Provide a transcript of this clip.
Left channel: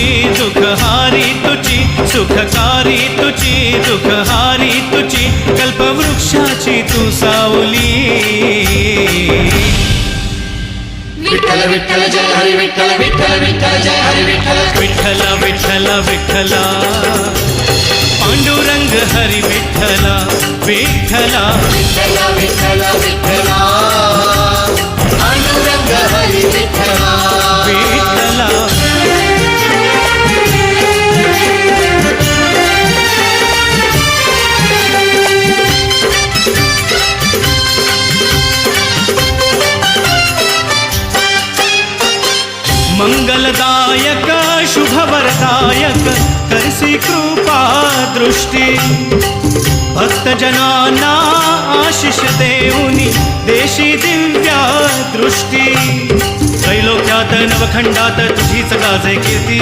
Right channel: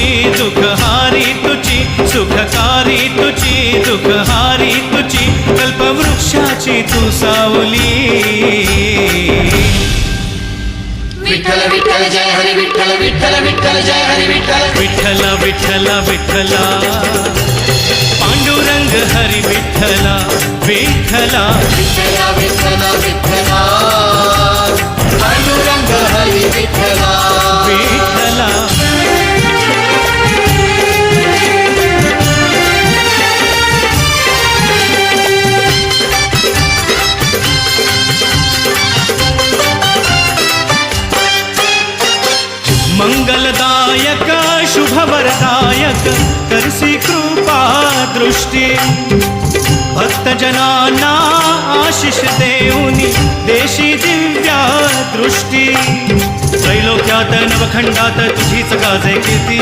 तुझी दुःखहारी तुझी सुखकारी तुझी दुःखहारी तुझी कल्पवृक्षाची तू सावली विठ्ठल विठ्ठल जय हरी विठ्ठल विठ्ठल विठ्ठल जय हरी विठ्ठल विठ्ठला विठ्ठला विठ्ठला पांडुरंग हरी विठ्ठला विठ्ठला विठ्ठल विठ्ठल विठ्ठला पांडुरंग हरी विठ्ठला विठ्ठला मंगलदायक शुभवरदायक करसी कृपा दृष्टी भक्तजनांना आशिष देऊनी देशी दिव्या दृष्टी त्रैलोक्यात नवखंडात तुझीच गाजे कीर्ती।